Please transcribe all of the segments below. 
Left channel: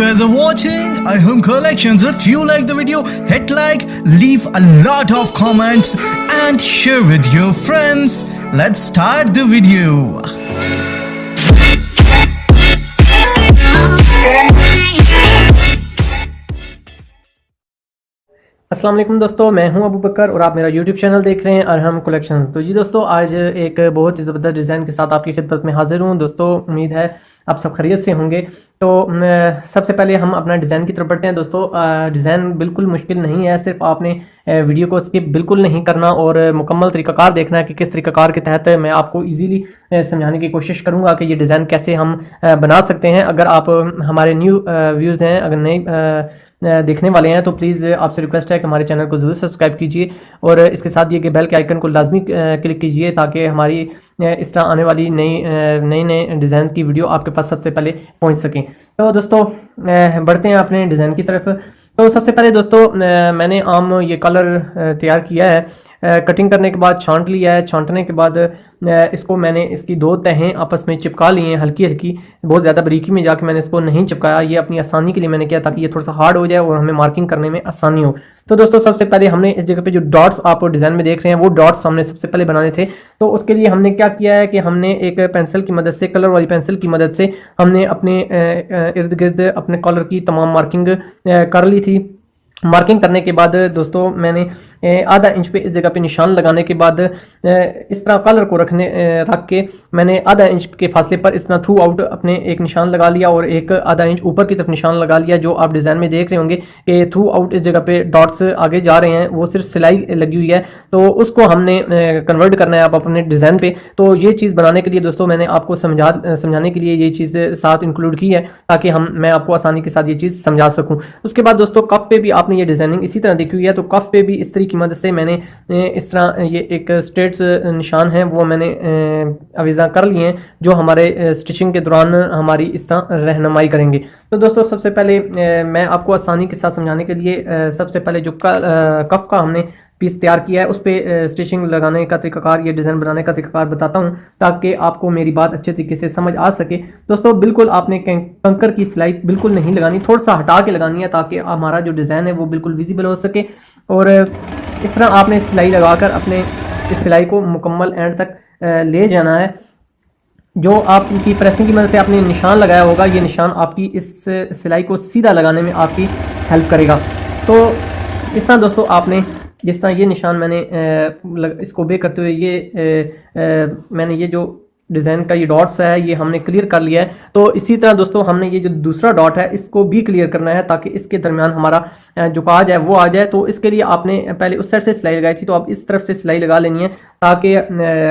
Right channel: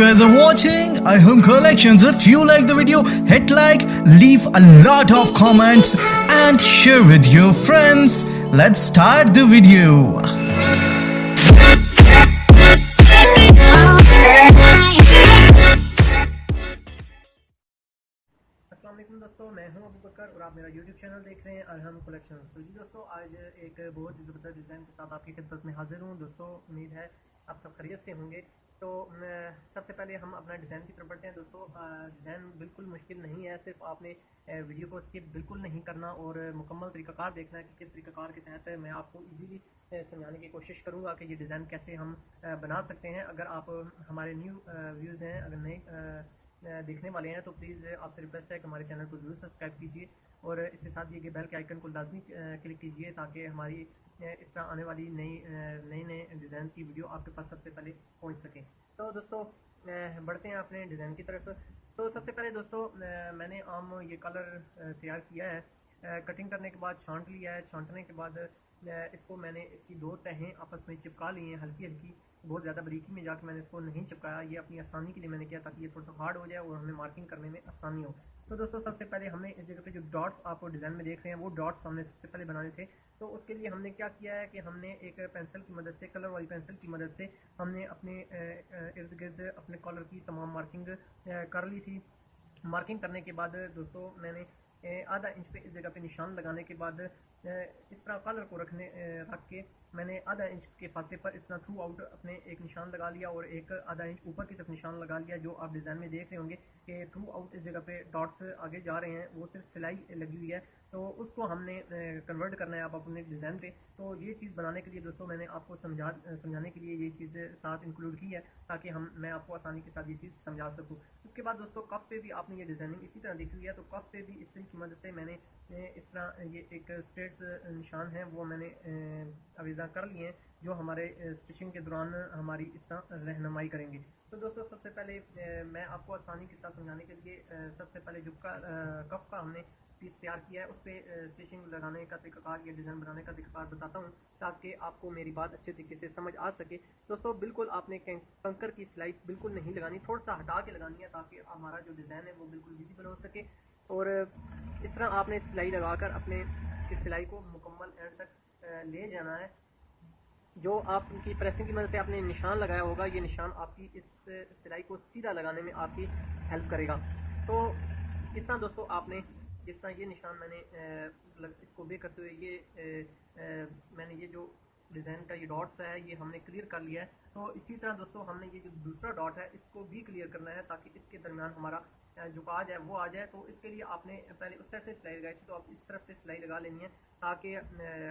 guys are watching iHome Collections. If you like the video, hit like, leave a lot of comments and share with your friends. Let's start the video. अस्सलाम वालेकुम दोस्तों, मैं हूं अबू बकर और आप मेरा YouTube channel देख रहे हैं अरहम कलेक्शंस। तो जी दोस्तों, आज एक बहुत ही ज़बरदस्त डिज़ाइन के साथ आपकी खिदमत में हाजिर हूं। दोस्तों उम्मीद है आप सब खैरियत से होंगे। तो सबसे पहले हम अपना डिज़ाइन की तरफ बढ़ते हैं। दोस्तों डिज़ाइन बिल्कुल मुश्किल नहीं है, सिर्फ आपने वीडियो को स्किप बिल्कुल नहीं करना और मुकम्मल तरीक़ाकार देखना है कि किस तरीक़ाकार के तहत मैं आपको ईज़िली समझाने की कोशिश करूँगा कि ये डिज़ाइन कैसे हम बना सकते हैं। अगर आप हमारे न्यू व्यूज़ हैं, अगर नए देखने वाले हैं, तो प्लीज़ आपसे रिक्वेस्ट है कि हमारे चैनल को ज़रूर सब्सक्राइब कीजिए और इसके साथ ये बेल के आइकन को लाजमी क्लिक कीजिए ताकि हमारी इस तरह आने वाली नए डिज़ाइन की वीडियो आपके पास सबसे पहले पहुंच सकें। तो दोस्तों बढ़ते हैं अपने डिज़ाइन की तरफ। तो सबसे पहले दोस्तों मैंने आम ये कलर तैयार किया है। कटिंग करने के बाद छांट लिया है। छांटने के बाद इसको मैंने इसकी दो तहें आपस में चिपका ली हैं हल्की हल्की, बहुत ज़्यादा बारीकी में जाके मैंने इसको नहीं चिपकाया। ये अपनी आसानी के लिए मैंने किया ताकि ये थोड़ा सा हार्ड हो जाए और हमें मार्किंग करने में आसानी हो। तो दोस्तों सबसे पहले हमने इस जगह पे जो डॉट्स आप डिज़ाइन में देख रहे हैं वो डॉट्स हमने सबसे पहले बनाने थे। तो उसके लिए हमने क्या किया है कि हमने एक पेंसिल की मदद से, कलर वाली पेंसिल की मदद से हमने अपने इर्द गिर्द अपने कलर की तमाम मार्किंग कर ली थी। मार्किंग करने के बाद दोस्तों मैंने आधा इंच पे इस जगह पे निशान लगाने के बाद इस तरह कलर को रख के मैंने आधा इंच के फासले पर इस तरह थ्रू आउट अपने एक निशान लगा लिया और एक आधा इंच ऊपर की तरफ निशान लगा लिया। जो आप डिज़ाइन में देख रहे होंगे कि थ्रू आउट इस जगह पे डॉट्स आगे जा रहे हैं, वो सिर्फ सिलाई लगी हुई है। तो उसको हमने कन्वर्ट करना है आप अपने डिज़ाइन पे। तो ये चीज़ बनाने के लिए दोस्तों मैंने आपको समझाने के लिए ये चीज़ साथ इंक्लूड की है ताकि मैं आपको आसानी के साथ ये चीज़ समझा सकूँ। उसके बाद दोस्तों कफ पे भी आपने ये डिज़ाइनिंग इसी तरह देखी हुई है। तो कफ पे भी इस तरीके की मदद से मैंने इस तरह ये एक स्ट्रेट निशान है वो मैंने अवीज़ा कर लिए हैं जो हमारे स्टिचिंग के दौरान हमारी इस तरह रहनुमाई करेंगे। तो दोस्तों सबसे पहले मैं आपको आसानी के साथ समझाने के लिए सबसे पहले जो कफ का हमने पीस तैयार किया है उस पर स्टिचिंग लगाने का तरीकाकार, ये डिज़ाइन बनाने का तरीकाकार बताता हूँ ताकि आपको मेरी बात अच्छे तरीके से समझ आ सके। दोस्तों बिल्कुल आपने कंकर की सिलाई बिल्कुल नहीं लगानी, थोड़ा सा हटा के लगानी है ताकि हमारा जो डिज़ाइन है वो बिल्कुल विजिबल हो सके। और इस तरह आपने सिलाई लगाकर अपने इस सिलाई को मुकम्मल एंड तक ले जाना है। जो आपकी प्रेसिंग की मदद से आपने निशान लगाया होगा, ये निशान आपकी इस सिलाई को सीधा लगाने में आपकी हेल्प करेगा। तो इस तरह दोस्तों आपने जिस तरह ये निशान मैंने इसको बे करते हुए मैंने ये जो डिज़ाइन का ये डॉट्स है ये हमने क्लियर कर लिया है। तो इसी तरह दोस्तों हमने ये जो दूसरा डॉट है इसको भी क्लियर करना है ताकि इसके दरमियान हमारा जो काज है वो आ जाए। तो इसके लिए आपने पहले उस साइड से सिलाई लगाई थी, तो आप इस तरफ से सिलाई लगा लेनी है ताकि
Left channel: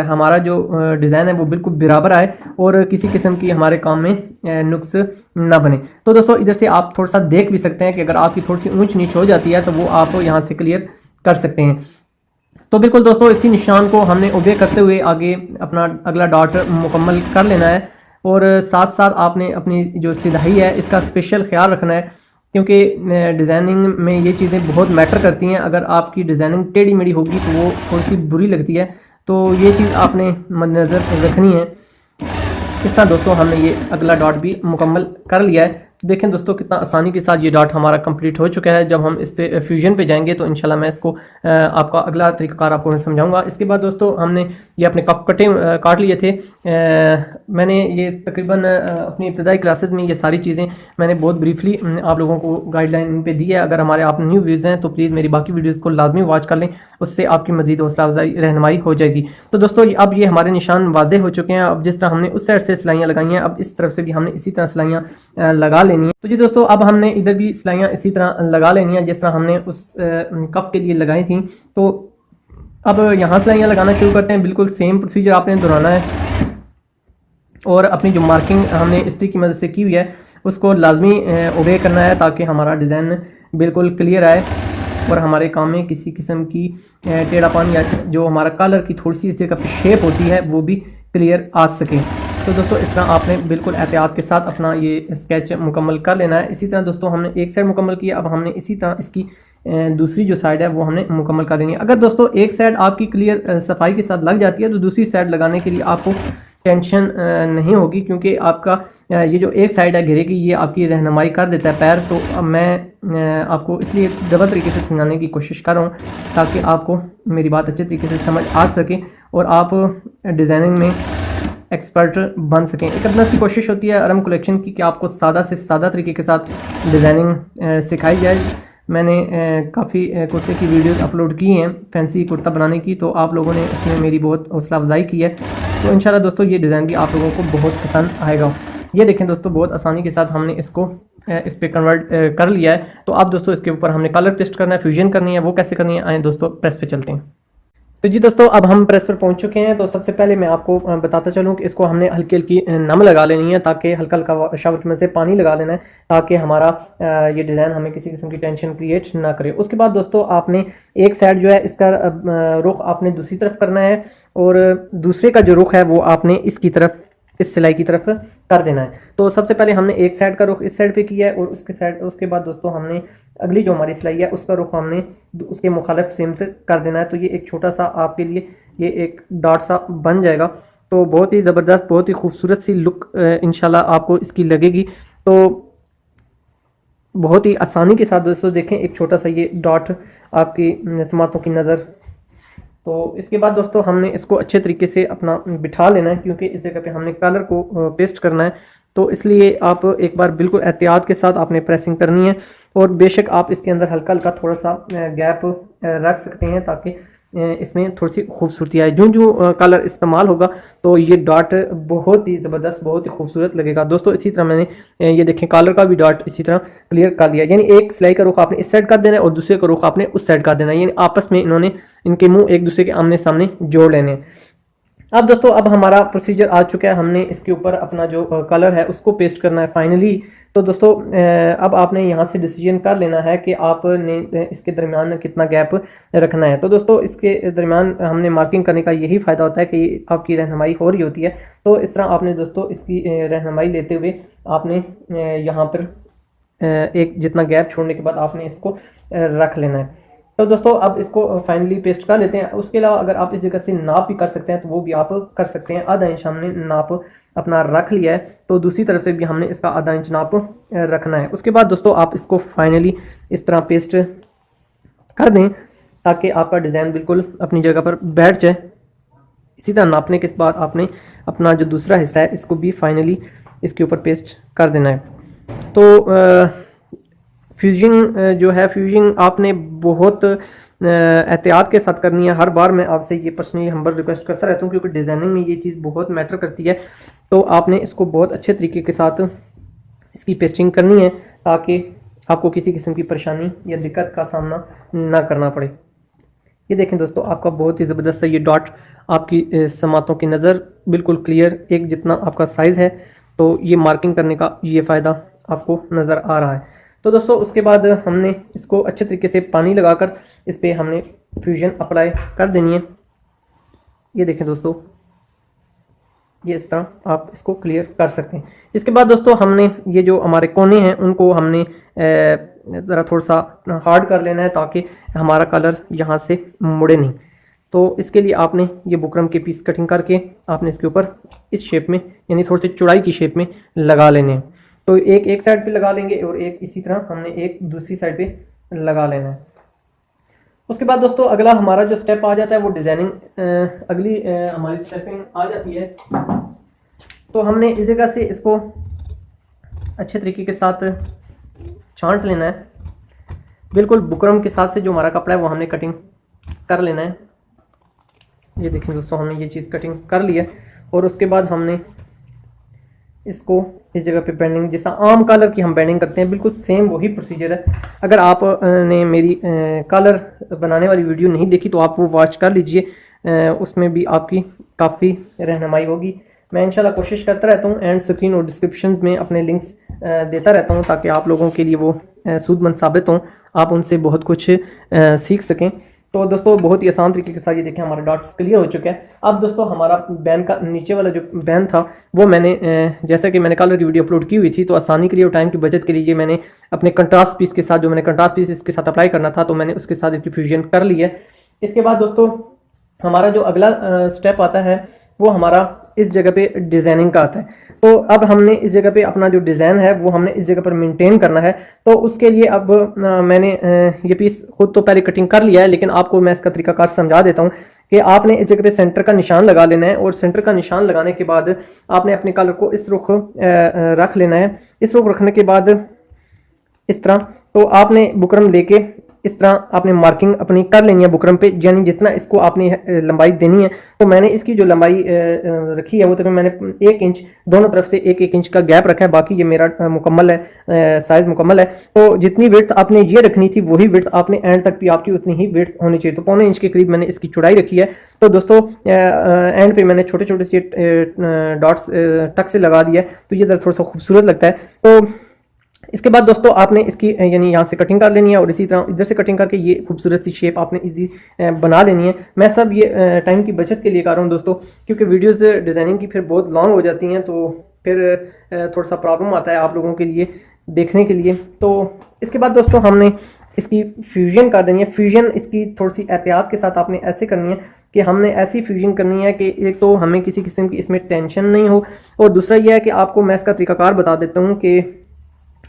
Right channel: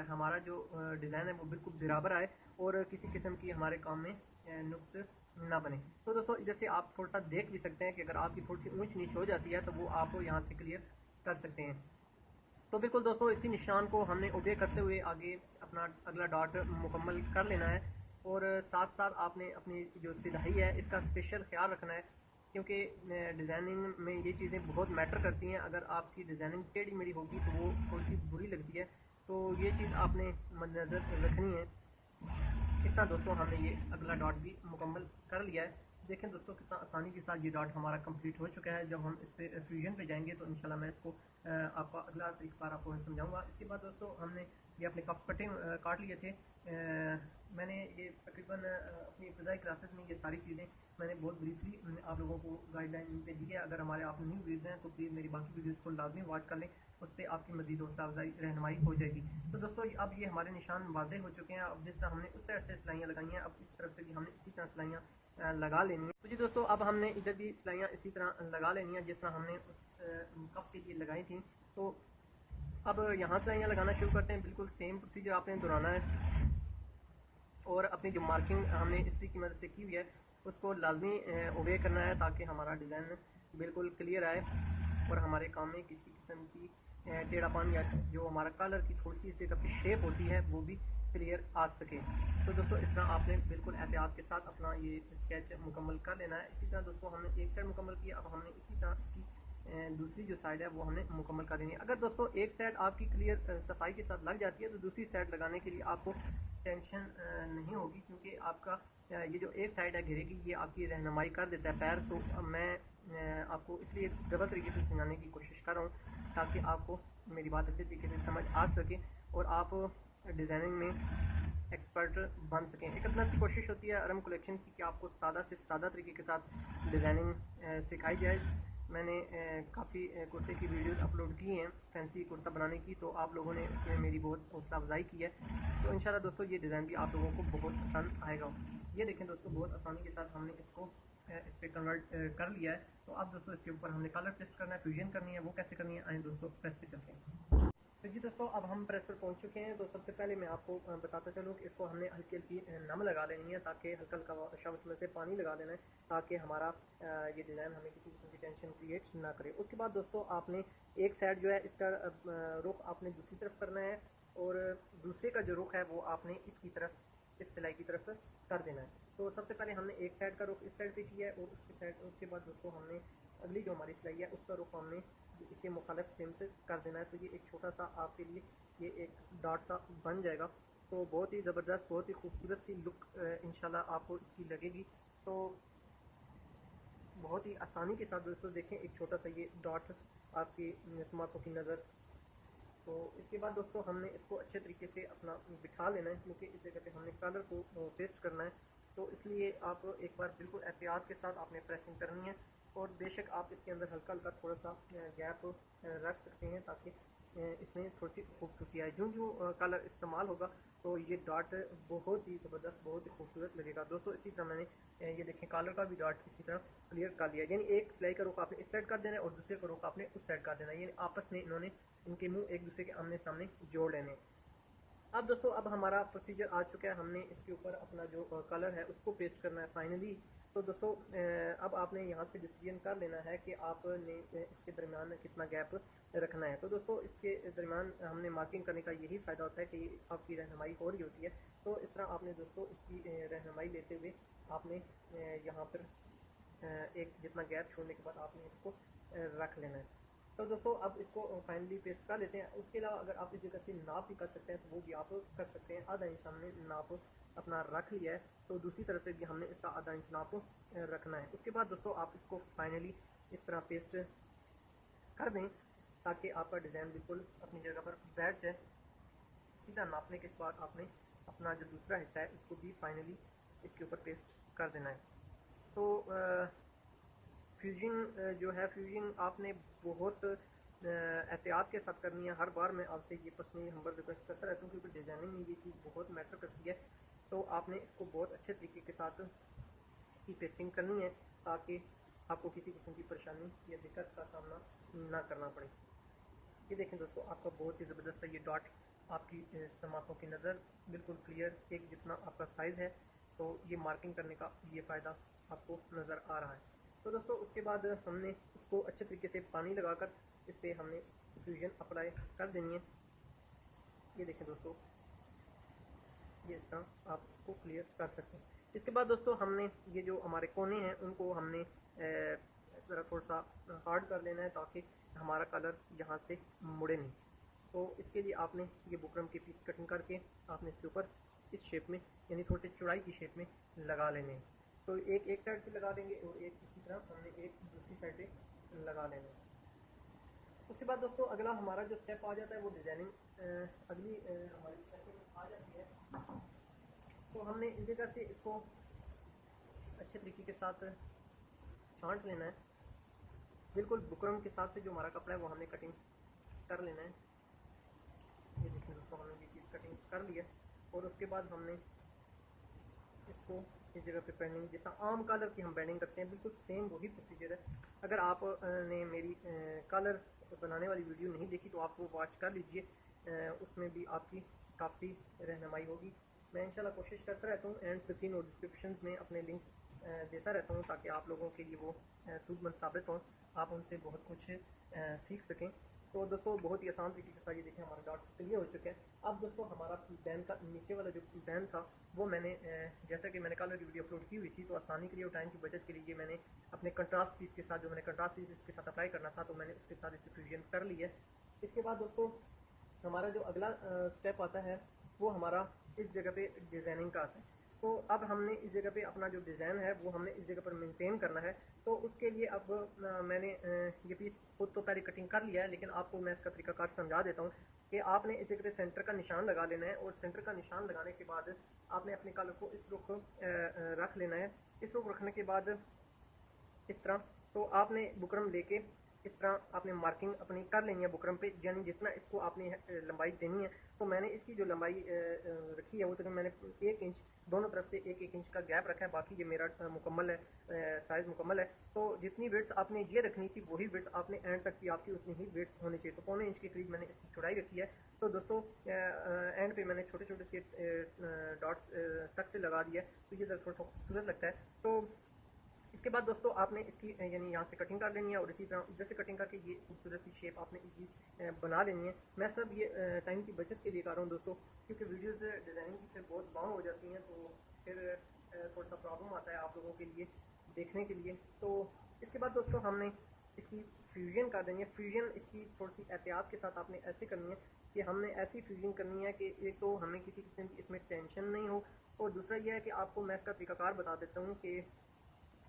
हमारा जो डिज़ाइन है वो बिल्कुल बराबर आए और किसी किस्म की हमारे काम में नुक्स ना बने। तो दोस्तों इधर से आप थोड़ा सा देख भी सकते हैं कि अगर आपकी थोड़ी सी ऊंच नीच हो जाती है तो वो आप यहाँ से क्लियर कर सकते हैं। तो बिल्कुल दोस्तों इसी निशान को हमने ओबे करते हुए आगे अपना अगला डॉट मुकम्मल कर लेना है। और साथ साथ आपने अपनी जो सिलाई है इसका स्पेशल ख्याल रखना है क्योंकि डिज़ाइनिंग में ये चीज़ें बहुत मैटर करती हैं। अगर आपकी डिज़ाइनिंग टेढ़ी मेढ़ी होगी तो वो थोड़ी सी बुरी लगती है, तो ये चीज़ आपने मद्देनज़र रखनी है। इस तरह दोस्तों हमने ये अगला डॉट भी मुकम्मल कर लिया है। तो देखें दोस्तों कितना आसानी के साथ ये डॉट हमारा कंप्लीट हो चुका है। जब हम इस पे फ्यूजन पे जाएंगे तो इंशाल्लाह मैं इसको आपका अगला तरीक़ाकार आपको मैं समझाऊंगा। इसके बाद दोस्तों हमने ये अपने कफ काट लिए थे। मैंने ये तकरीबन अपनी इब्तदाई क्लासेस में ये सारी चीज़ें मैंने बहुत ब्रीफली आप लोगों को गाइडलाइन पे दी है। अगर हमारे आप न्यू व्यूज़ हैं तो प्लीज़ मेरी बाकी वीडियोज़ को लाजमी वॉच कर लें, उससे आपकी मज़ीद हौसला अफजाई रहनुमाई हो जाएगी। तो दोस्तों अब ये हमारे निशान वाज़े हो चुके हैं। अब जिस तरह हमने उस साइड से सिलाइयाँ लगाई हैं, अब इस तरफ से भी हमने इसी तरह सिलाइयाँ लगा लेनी है। तो जी दोस्तों अब हमने इधर भी सिलाइयाँ इसी तरह लगा लेनी है जिस तरह हमने उस कफ के लिए लगाई थी। तो अब यहाँ सिलाइयाँ लगाना शुरू करते हैं। बिल्कुल सेम प्रोसीजर आपने दोहराना है और अपनी जो मार्किंग हमने इस्त्री की मदद से की हुई है उसको लाजमी ओबे करना है ताकि हमारा डिज़ाइन बिल्कुल क्लियर आए और हमारे काम में किसी किस्म की टेढ़ापन या जो हमारा कलर की थोड़ी सी इस जगह पे शेप होती है वो भी क्लियर आ सके। तो दोस्तों इस तरह आपने बिल्कुल एहतियात के साथ अपना ये स्केच मुकम्मल कर लेना है। इसी तरह दोस्तों हमने एक साइड मुकम्मल किया, अब हमने इसी तरह इसकी दूसरी जो साइड है वो हमने मुकम्मल कर लेनी है। अगर दोस्तों एक साइड आपकी क्लियर सफाई के साथ लग जाती है तो दूसरी साइड लगाने के लिए आपको टेंशन नहीं होगी, क्योंकि आपका ये जो एक साइड है घेरे की ये आपकी रहनुमाई कर देता है पैर। तो अब मैं आपको इसलिए डबल तरीके से समझाने की कोशिश कर रहा हूँ ताकि आपको मेरी बात अच्छे तरीके से समझ आ सके और आप डिज़ाइनिंग में एक्सपर्ट बन सकें। एक अपना की कोशिश होती है अरहम कलेक्शन की कि आपको सादा से सादा तरीके के साथ डिज़ाइनिंग सिखाई जाए। मैंने काफ़ी कुर्ते की वीडियोस अपलोड की हैं फैंसी कुर्ता बनाने की, तो आप लोगों ने इसमें मेरी बहुत हौसला अफजाई की है। तो इंशाल्लाह दोस्तों ये डिज़ाइन भी आप लोगों को बहुत पसंद आएगा। ये देखें दोस्तों बहुत आसानी के साथ हमने इसको इस पर कन्वर्ट कर लिया है। तो अब दोस्तों इसके ऊपर हमने कलर पेस्ट करना है, फ्यूजन करनी है। वो कैसे करनी है आए दोस्तों प्रेस पे चलते हैं। तो जी दोस्तों अब हम प्रेस पर पहुंच चुके हैं। तो सबसे पहले मैं आपको बताता चलूं कि इसको हमने हल्की हल्की नम लगा लेनी है, ताकि हल्का हल्का शावर में से पानी लगा लेना है ताकि हमारा ये डिज़ाइन हमें किसी किस्म की टेंशन क्रिएट ना करे। उसके बाद दोस्तों आपने एक साइड जो है इसका रुख आपने दूसरी तरफ करना है और दूसरे का जो रुख है वो आपने इसकी तरफ इस सिलाई की तरफ कर देना है। तो सबसे पहले हमने एक साइड का रुख इस साइड पे किया है और उसके बाद दोस्तों हमने अगली जो हमारी सिलाई है उसका रुख हमने उसके मुखालिफ सिमत कर देना है। तो ये एक छोटा सा आपके लिए ये एक डॉट सा बन जाएगा। तो बहुत ही ज़बरदस्त बहुत ही खूबसूरत सी लुक इंशाल्लाह आपको इसकी लगेगी। तो बहुत ही आसानी के साथ दोस्तों देखें एक छोटा सा ये डॉट आपकी समातों की नज़र। तो इसके बाद दोस्तों हमने इसको अच्छे तरीके से अपना बिठा लेना है, क्योंकि इस जगह पे हमने कलर को पेस्ट करना है। तो इसलिए आप एक बार बिल्कुल एहतियात के साथ आपने प्रेसिंग करनी है और बेशक आप इसके अंदर हल्का हल्का थोड़ा सा गैप रख सकते हैं ताकि इसमें थोड़ी सी खूबसूरती आए। जो कलर इस्तेमाल होगा तो ये डॉट बहुत ही ज़बरदस्त बहुत ही खूबसूरत लगेगा दोस्तों। इसी तरह मैंने ये देखें कलर का भी डॉट इसी तरह क्लियर कर दिया, यानी एक सिलाई का रुख आपने इस साइड कर देना है और दूसरे का रुख आपने उस साइड कर देना है, यानी आपस में इन्होंने इनके मुंह एक दूसरे के आमने सामने जोड़ लेने हैं। अब दोस्तों अब हमारा प्रोसीजर आ चुका है, हमने इसके ऊपर अपना जो कलर है उसको पेस्ट करना है फाइनली। तो दोस्तों अब आपने यहाँ से डिसीजन कर लेना है कि आपने इसके दरमियान कितना गैप रखना है। तो दोस्तों इसके दरमियान हमने मार्किंग करने का यही फ़ायदा होता है कि आपकी रहनुमाई हो रही होती है। तो इस तरह आपने दोस्तों इसकी रहनुमाई लेते हुए आपने यहाँ पर एक जितना गैप छोड़ने के बाद आपने इसको रख लेना है। तो दोस्तों अब इसको फाइनली पेस्ट कर लेते हैं। उसके अलावा अगर आप इस जगह से नाप भी कर सकते हैं तो वो भी आप कर सकते हैं। आधा इंच हमने नाप अपना रख लिया है, तो दूसरी तरफ से भी हमने इसका आधा इंच नाप रखना है। उसके बाद दोस्तों आप इसको फाइनली इस तरह पेस्ट कर दें ताकि आपका डिज़ाइन बिल्कुल अपनी जगह पर बैठ जाए। इसी तरह नापने के बाद आपने अपना जो दूसरा हिस्सा है इसको भी फाइनली इसके ऊपर पेस्ट कर देना है। तो फ्यूजिंग जो है फ्यूजिंग आपने बहुत एहतियात के साथ करनी है। हर बार मैं आपसे ये पर्सनली हम्बल रिक्वेस्ट करता रहता हूँ, क्योंकि डिज़ाइनिंग में ये चीज़ बहुत मैटर करती है। तो आपने इसको बहुत अच्छे तरीके के साथ इसकी पेस्टिंग करनी है ताकि आपको किसी किस्म की परेशानी या दिक्कत का सामना ना करना पड़े। ये देखें दोस्तों आपका बहुत ही ज़बरदस्त है ये डॉट आपकी समातों की नज़र बिल्कुल क्लियर एक जितना आपका साइज़ है। तो ये मार्किंग करने का ये फ़ायदा आपको नज़र आ रहा है। तो दोस्तों उसके बाद हमने इसको अच्छे तरीके से पानी लगाकर इस पर हमने फ्यूजन अप्लाई कर देनी है। ये देखें दोस्तों ये इस तरह आप इसको क्लियर कर सकते हैं। इसके बाद दोस्तों हमने ये जो हमारे कोने हैं उनको हमने ज़रा थोड़ा सा हार्ड कर लेना है ताकि हमारा कलर यहाँ से मुड़े नहीं। तो इसके लिए आपने ये बुकरम के पीस कटिंग करके आपने इसके ऊपर इस शेप में यानी थोड़ी सी चौड़ाई की शेप में लगा लेने हैं। तो एक साइड पे लगा लेंगे और एक इसी तरह हमने एक दूसरी साइड पे लगा लेना है। उसके बाद दोस्तों अगला हमारा जो स्टेप आ जाता है वो डिज़ाइनिंग अगली हमारी स्टेपिंग आ जाती है। तो हमने इस जगह से इसको अच्छे तरीके के साथ छांट लेना है। बिल्कुल बुकरम के साथ से जो हमारा कपड़ा है वो हमने कटिंग कर लेना है। ये देखें दोस्तों हमने ये चीज़ कटिंग कर ली है और उसके बाद हमने इसको इस जगह पे बेंडिंग जैसा आम कलर की हम बेंडिंग करते हैं बिल्कुल सेम वही प्रोसीजर है। अगर आप ने मेरी कलर बनाने वाली वीडियो नहीं देखी तो आप वो वॉच कर लीजिए, उसमें भी आपकी काफ़ी रहनुमाई होगी। मैं इंशाल्लाह कोशिश करता रहता हूँ एंड स्क्रीन और डिस्क्रिप्शन में अपने लिंक्स देता रहता हूँ ताकि आप लोगों के लिए वो सूदमंद साबित हों, आप उनसे बहुत कुछ सीख सकें। तो दोस्तों बहुत ही आसान तरीके के साथ ये देखें हमारा डॉट्स क्लियर हो चुका है। अब दोस्तों हमारा बैन का नीचे वाला जो बैन था वो मैंने जैसा कि मैंने कल की वीडियो अपलोड की हुई थी, तो आसानी के लिए और टाइम की बचत के लिए मैंने अपने कंट्रास्ट पीस के साथ, जो मैंने कंट्रास्ट पीस इसके साथ अप्लाई करना था, तो मैंने उसके साथ इसकी फ्यूजन कर ली है। इसके बाद दोस्तों हमारा जो अगला स्टेप आता है वो हमारा इस जगह पे डिज़ाइनिंग का आता है। तो अब हमने इस जगह पे अपना जो डिज़ाइन है वो हमने इस जगह पर मेंटेन करना है। तो उसके लिए अब मैंने ये पीस खुद तो पहले कटिंग कर लिया है, लेकिन आपको मैं इसका तरीकाकार समझा देता हूँ कि आपने इस जगह पे सेंटर का निशान लगा लेना है, और सेंटर का निशान लगाने के बाद आपने अपने कलर को इस रुख रख लेना है। इस रुख रखने के बाद इस तरह तो आपने बुकरम लेके इस तरह आपने मार्किंग अपनी कर लेनी है बुकरम पे, यानी जितना इसको आपने लंबाई देनी है। तो मैंने इसकी जो लंबाई रखी है वो तकरीबन मैंने 1 इंच, दोनों तरफ से 1-1 इंच का गैप रखा है। बाकी ये मेरा मुकम्मल है, साइज़ मुकम्मल है। तो जितनी विड्थ आपने ये रखनी थी वही विड्थ आपने एंड तक भी आपकी उतनी ही विड्थ होनी चाहिए। तो 1.25 इंच के करीब मैंने इसकी चौड़ाई रखी है। तो दोस्तों एंड पे मैंने छोटे छोटे से डॉट्स टक से लगा दिया है, तो ये ज़रा थोड़ा सा खूबसूरत लगता है। तो इसके बाद दोस्तों आपने इसकी यानी यहाँ से कटिंग कर लेनी है, और इसी तरह इधर से कटिंग करके ये खूबसूरत सी शेप आपने इजी बना लेनी है। मैं सब ये टाइम की बचत के लिए कर रहा हूँ दोस्तों, क्योंकि वीडियोस डिज़ाइनिंग की फिर बहुत लॉन्ग हो जाती हैं, तो फिर थोड़ा सा प्रॉब्लम आता है आप लोगों के लिए देखने के लिए। तो इसके बाद दोस्तों हमने इसकी फ्यूजन कर देनी है। फ्यूजन इसकी थोड़ी सी एहतियात के साथ आपने ऐसे करनी है कि हमने ऐसी फ्यूजन करनी है कि एक तो हमें किसी किस्म की इसमें टेंशन नहीं हो, और दूसरा यह है कि आपको मैं इसका तरीकाकार बता देता हूँ कि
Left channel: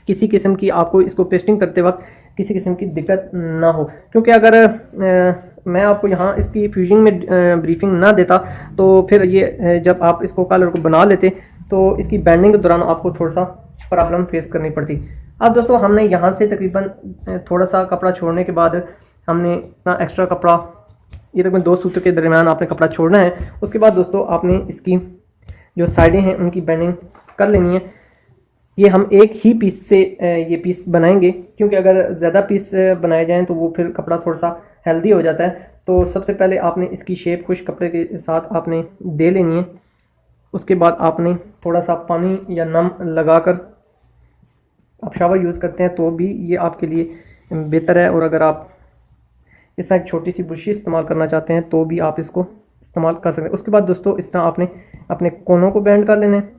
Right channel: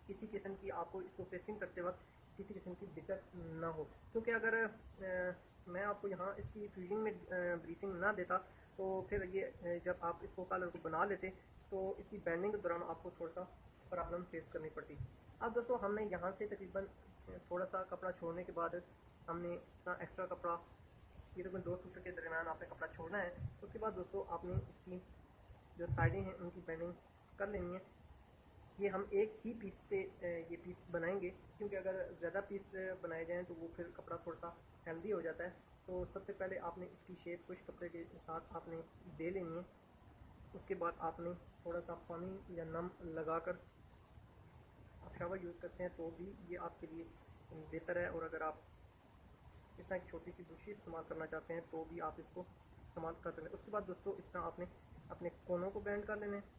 किसी किस्म की आपको इसको पेस्टिंग करते वक्त किसी किस्म की दिक्कत ना हो। क्योंकि अगर मैं आपको यहाँ इसकी फ्यूजिंग में ब्रीफिंग ना देता तो फिर ये जब आप इसको कलर को बना लेते तो इसकी बैंडिंग के दौरान आपको थोड़ा सा प्रॉब्लम फेस करनी पड़ती। अब दोस्तों हमने यहाँ से तकरीबन थोड़ा सा कपड़ा छोड़ने के बाद हमने इतना एक्स्ट्रा कपड़ा, ये तकरीबन 2 सूत्र के दरमियान आपने कपड़ा छोड़ना है। उसके बाद दोस्तों आपने इसकी जो साइडें हैं उनकी बैंडिंग कर लेनी है। ये हम एक ही पीस से ये पीस बनाएंगे, क्योंकि अगर ज़्यादा पीस बनाए जाएं तो वो फिर कपड़ा थोड़ा सा हेल्दी हो जाता है। तो सबसे पहले आपने इसकी शेप खुश कपड़े के साथ आपने दे लेनी है। उसके बाद आपने थोड़ा सा पानी या नम लगाकर, आप शावर यूज़ करते हैं तो भी ये आपके लिए बेहतर है, और अगर आप इस तरह एक छोटी सी बुशी इस्तेमाल करना चाहते हैं तो भी आप इसको इस्तेमाल कर सकते हैं। उसके बाद दोस्तों इस तरह आपने अपने कोनों को बैंड कर लेना है।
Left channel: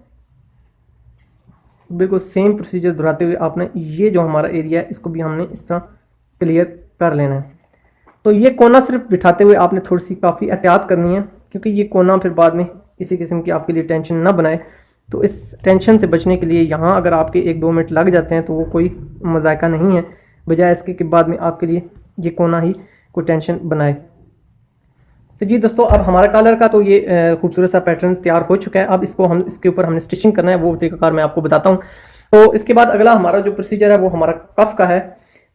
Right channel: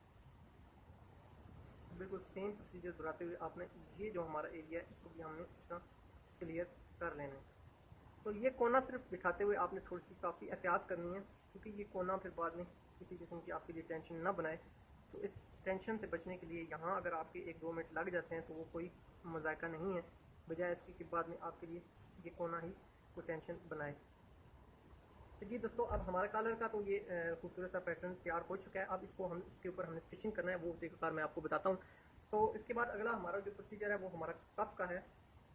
बिल्कुल सेम प्रोसीजर दोहराते हुए आपने ये जो हमारा एरिया है इसको भी हमने इस तरह क्लियर कर लेना है। तो ये कोना सिर्फ बिठाते हुए आपने थोड़ी सी काफ़ी एहतियात करनी है, क्योंकि ये कोना फिर बाद में किसी किस्म की आपके लिए टेंशन ना बनाए। तो इस टेंशन से बचने के लिए यहाँ अगर आपके 1-2 मिनट लग जाते हैं तो वो कोई मजाका नहीं है, बजाय इसके कि बाद में आपके लिए ये कोना ही कोई टेंशन बनाए। तो जी दोस्तों अब हमारा कलर का तो ये खूबसूरत सा पैटर्न तैयार हो चुका है। अब इसको हम इसके ऊपर हमने स्टिचिंग करना है, वो तरीकाकार मैं आपको बताता हूँ। तो इसके बाद अगला हमारा जो प्रोसीजर है वो हमारा कफ का है।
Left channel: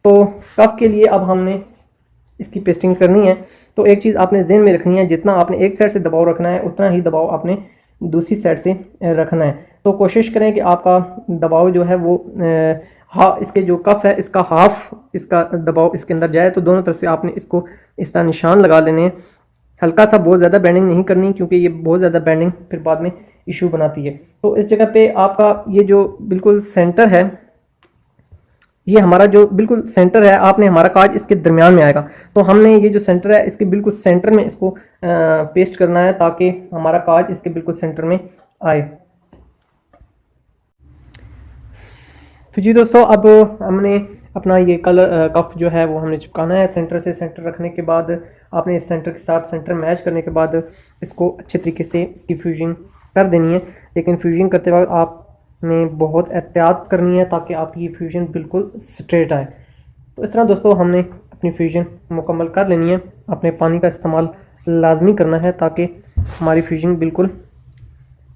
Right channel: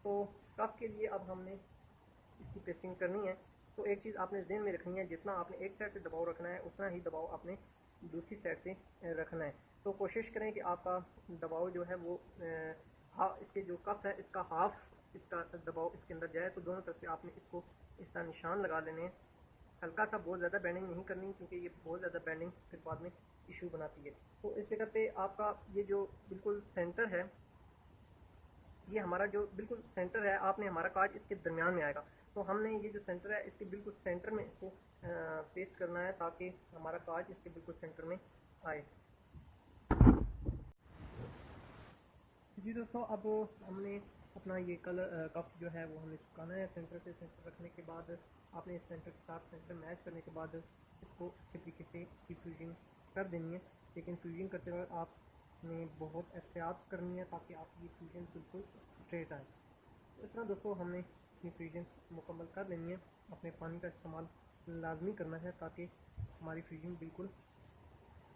तो कफ के लिए अब हमने इसकी पेस्टिंग करनी है। तो एक चीज़ आपने ज़हन में रखनी है, जितना आपने एक साइड से दबाव रखना है उतना ही दबाव आपने दूसरी साइड से रखना है। तो कोशिश करें कि आपका दबाव जो है वो इसके जो कफ है इसका हाफ इसका दबाव इसके अंदर जाए। तो दोनों तरफ से आपने इसको इस तरह निशान लगा लेने हैं। हल्का सा, बहुत ज़्यादा बैंडिंग नहीं करनी, क्योंकि ये बहुत ज़्यादा बैंडिंग फिर बाद में इशू बनाती है। तो इस जगह पे आपका ये जो बिल्कुल सेंटर है, ये हमारा जो बिल्कुल सेंटर है, आपने हमारा काज इसके दरमियान में आएगा। तो हमने ये जो सेंटर है इसके बिल्कुल सेंटर में इसको पेस्ट करना है, ताकि हमारा काज इसके बिल्कुल सेंटर में आए। तो जी दोस्तों अब हमने अपना ये कलर कफ जो है वो हमने चिपकाना है। सेंटर से सेंटर रखने के बाद आपने इस सेंटर के साथ सेंटर मैच करने के बाद इसको अच्छे तरीके से इसकी फ्यूजिंग कर देनी है। लेकिन फ्यूजिंग करते वक्त आपने बहुत एहतियात करनी है ताकि आपकी ये फ्यूजन बिल्कुल स्ट्रेट आए। तो इस तरह दोस्तों हमने अपनी फ्यूजन मुकम्मल कर लेनी है। अपने पानी का इस्तेमाल लाजमी करना है ताकि हमारी फ्यूजिंग बिल्कुल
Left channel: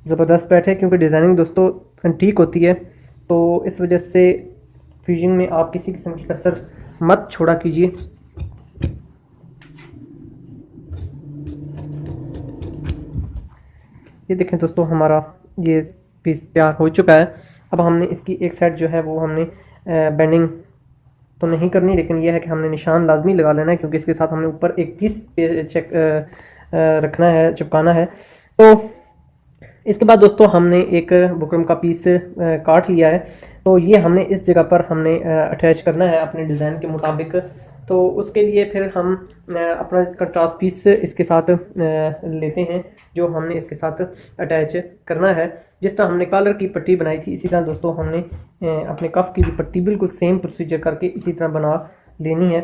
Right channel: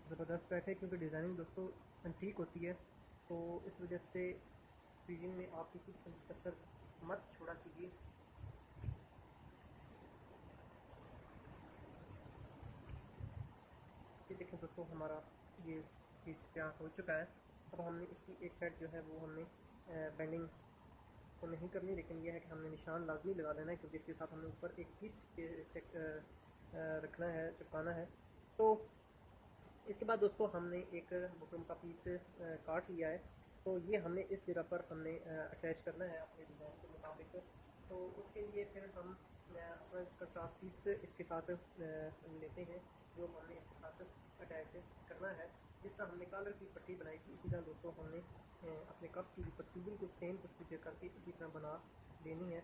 ज़बरदस्त बैठे, क्योंकि डिज़ाइनिंग दोस्तों ठीक होती है। तो इस वजह से फ्यूजिंग में आप किसी किस्म की कसर मत छोड़ा कीजिए। ये देखें दोस्तों हमारा ये पीस तैयार हो चुका है। अब हमने इसकी एक साइड जो है वो हमने बेंडिंग तो नहीं करनी, लेकिन यह है कि हमने निशान लाजमी लगा लेना है, क्योंकि इसके साथ हमने ऊपर एक पीस चेक रखना है, चिपकाना है। तो इसके बाद दोस्तों हमने एक बुकरम का पीस काट लिया है। तो ये हमने इस जगह पर हमने अटैच करना है अपने डिज़ाइन के मुताबिक। तो उसके लिए फिर हम अपना कंट्रास्ट पीस इसके साथ लेते हैं जो हमने इसके साथ अटैच करना है। जिस तरह हमने कॉलर की पट्टी बनाई थी इसी तरह दोस्तों हमने अपने कफ की भी पट्टी बिल्कुल सेम प्रोसीजर करके इसी तरह बना लेनी है।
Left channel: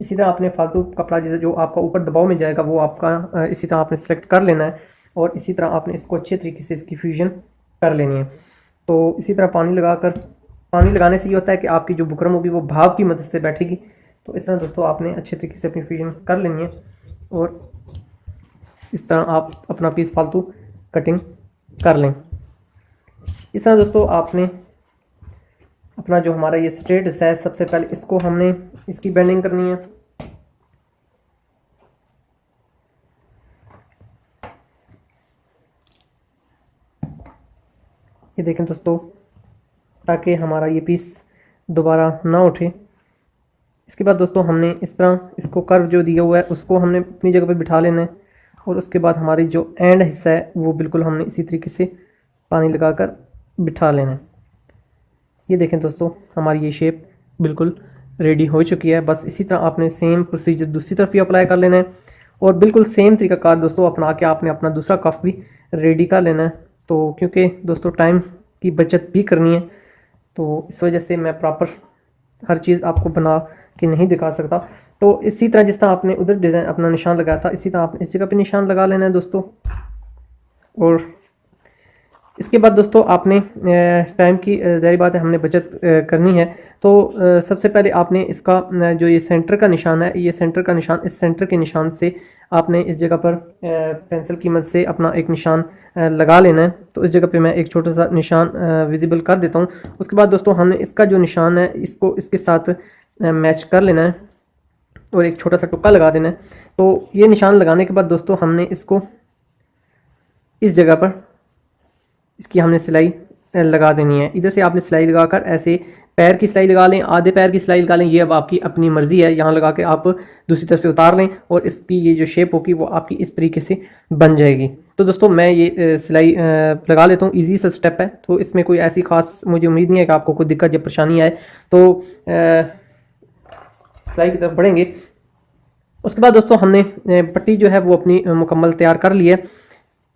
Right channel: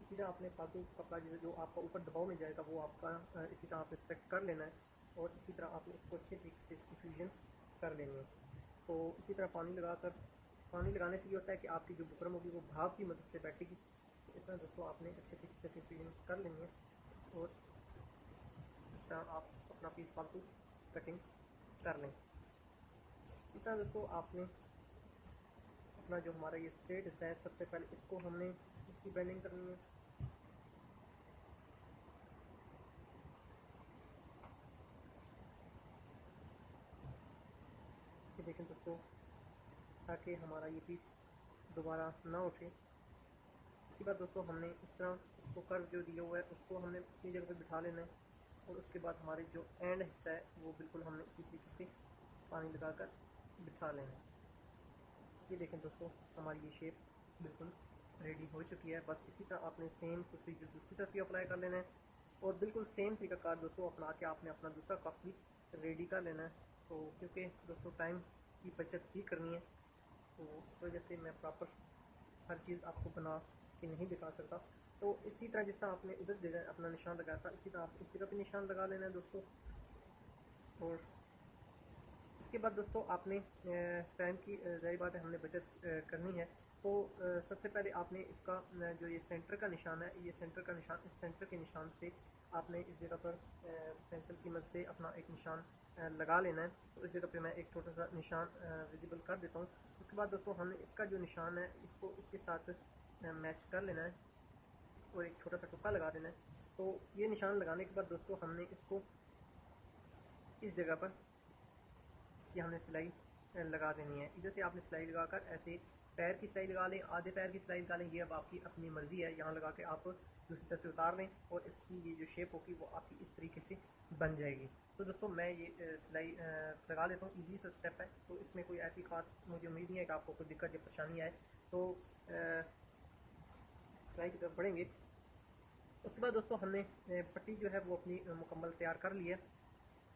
इसी तरह आपने फालतू कपड़ा जैसे जो आपका ऊपर दबाव में जाएगा वो आपका इसी तरह आपने सेलेक्ट कर लेना है और इसी तरह आपने इसको अच्छे तरीके से इसकी फ्यूजन कर लेनी है। तो इसी तरह पानी लगाने से ये होता है कि आपकी जो बुकरम होगी वो भाप की मदद से बैठेगी। तो इस तरह दोस्तों आपने अच्छे तरीके से अपनी फ्यूजन कर लेनी है और इस तरह आप अपना पीस फालतू कटिंग कर लें। इस तरह दोस्तों आपने अपना जो हमारा ये स्ट्रेट है सबसे पहले इसको हमने इसकी बेंडिंग करनी है। ये देखें दोस्तों ताकि हमारा ये पीस दोबारा ना उठे। इसके बाद दोस्तों हमने इस तरह इसको कर्व जो दिया हुआ है उसको हमने अपनी जगह पे बिठा लेना है और उसके बाद हमारी जो एंड हिस्सा है वो बिल्कुल हमने इसी तरीके से पानी लगाकर बिठा लेना है। ये देखें दोस्तों हमारी ये शेप बिल्कुल रेडी हो चुकी है। बस इसी तरह आपने सेम प्रोसीजर दूसरी तरफ भी अप्लाई कर लेना है और बिल्कुल सेम तरीकाकार दोस्तों अपना के आपने अपना दूसरा कफ भी रेडी कर लेना है। तो क्योंकि दोस्तों टाइम की बचत भी करनी है तो इस वजह से मैं प्रॉपर हर चीज़ आपको बना के नहीं दिखा सकता। तो इसी तरह जिस तरह आपने उधर डिज़ाइन अपना निशान लगाया था इसी तरह आपने इस जगह पे निशान लगा लेना है दोस्तों। और इसके बाद दोस्तों आपने टाइम की ज़ाहिर बात है हमने बचत करनी है। तो सबसे पहले आपने इसका जो ये सेंटर का निशान है ये सेंटर का निशान इस सेंटर के निशान से आपने इस जगह पर पेंसिल की मदद से अपना एक निशान लगा लेना है। तो इस जगह पे मैं एक छोटा सा निशान विजिबल कर देता हूँ। उसके बाद दोस्तों हमने इसका जो निशान है इसको इसके साथ मैच कर लेना है और एक छोटा सा टुक्का लगा देना है। तो ये निशान लगाने के बाद दोस्तों हमने इसको इस जगह पर इसकी हमने सिलाई लगा देनी है। इधर से आपने सिलाई लगाकर ऐसे पैर की सिलाई लगा लें, आधे पैर की सिलाई लगा लें, ये अब आपकी अपनी मर्ज़ी है। यहाँ लगा के आप दूसरी तरफ से उतार लें और इसकी ये जो शेप होगी वो आपकी इस तरीके से बन जाएगी। तो दोस्तों मैं ये सिलाई लगा लेता हूँ, ईजी सा स्टेप है। तो इसमें कोई ऐसी ख़ास मुझे उम्मीद नहीं है कि आपको कोई दिक्कत या परेशानी आए। तो सिलाई की तरफ बढ़ेंगे। उसके बाद दोस्तों हमने पट्टी जो है वो अपनी मुकम्मल तैयार कर ली है।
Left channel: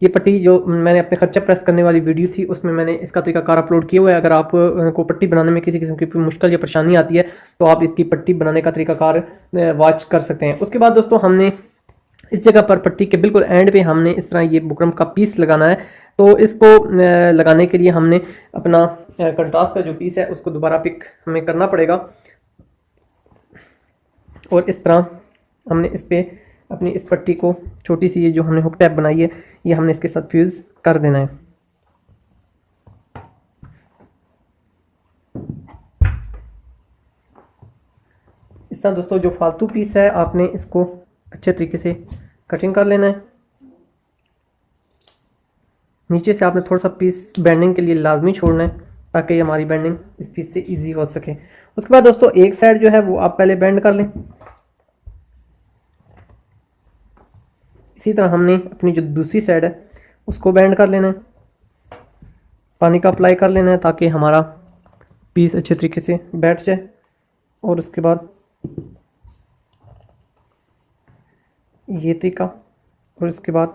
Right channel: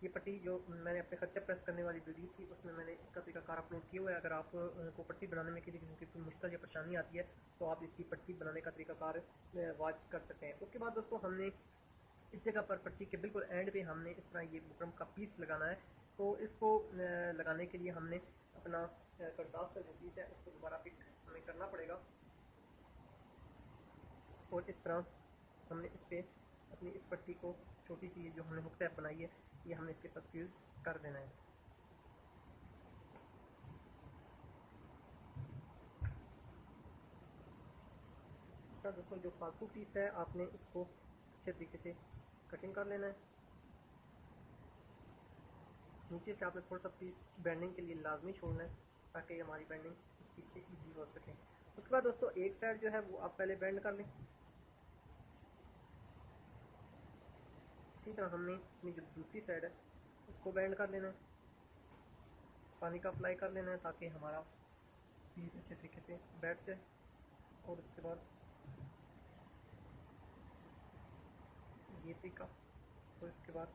ये पट्टी जो मैंने अपने खर्चा प्रेस करने वाली वीडियो थी उसमें मैंने इसका तरीकाकार अपलोड किया हुआ है। अगर आप को पट्टी बनाने में किसी किस्म की मुश्किल या परेशानी आती है तो आप इसकी पट्टी बनाने का तरीकाकार वॉच कर सकते हैं। उसके बाद दोस्तों हमने इस जगह पर पट्टी के बिल्कुल एंड पे हमने इस तरह ये बुकरम का पीस लगाना है। तो इसको लगाने के लिए हमने अपना कंट्रास्ट का जो पीस है उसको दोबारा पिक हमें करना पड़ेगा और इस तरह हमने इस पर अपनी इस पट्टी को छोटी सी ये जो हमने हुक टैप बनाई है ये हमने इसके साथ फ्यूज़ कर देना है। इस तरह दोस्तों जो फालतू पीस है आपने इसको अच्छे तरीके से कटिंग कर लेना है। नीचे से आपने थोड़ा सा पीस बेंडिंग के लिए लाजमी छोड़ना है ताकि हमारी बेंडिंग इस पीस से इजी हो सके। उसके बाद दोस्तों एक साइड जो है वो आप पहले बेंड कर लें। इसी तरह हमने अपनी जो दूसरी साइड है उसको बेंड कर लेना है, पानी का अप्लाई कर लेना है ताकि हमारा पीस अच्छे तरीके से बैठ जाए। और उसके बाद ये तरीका और इसके बाद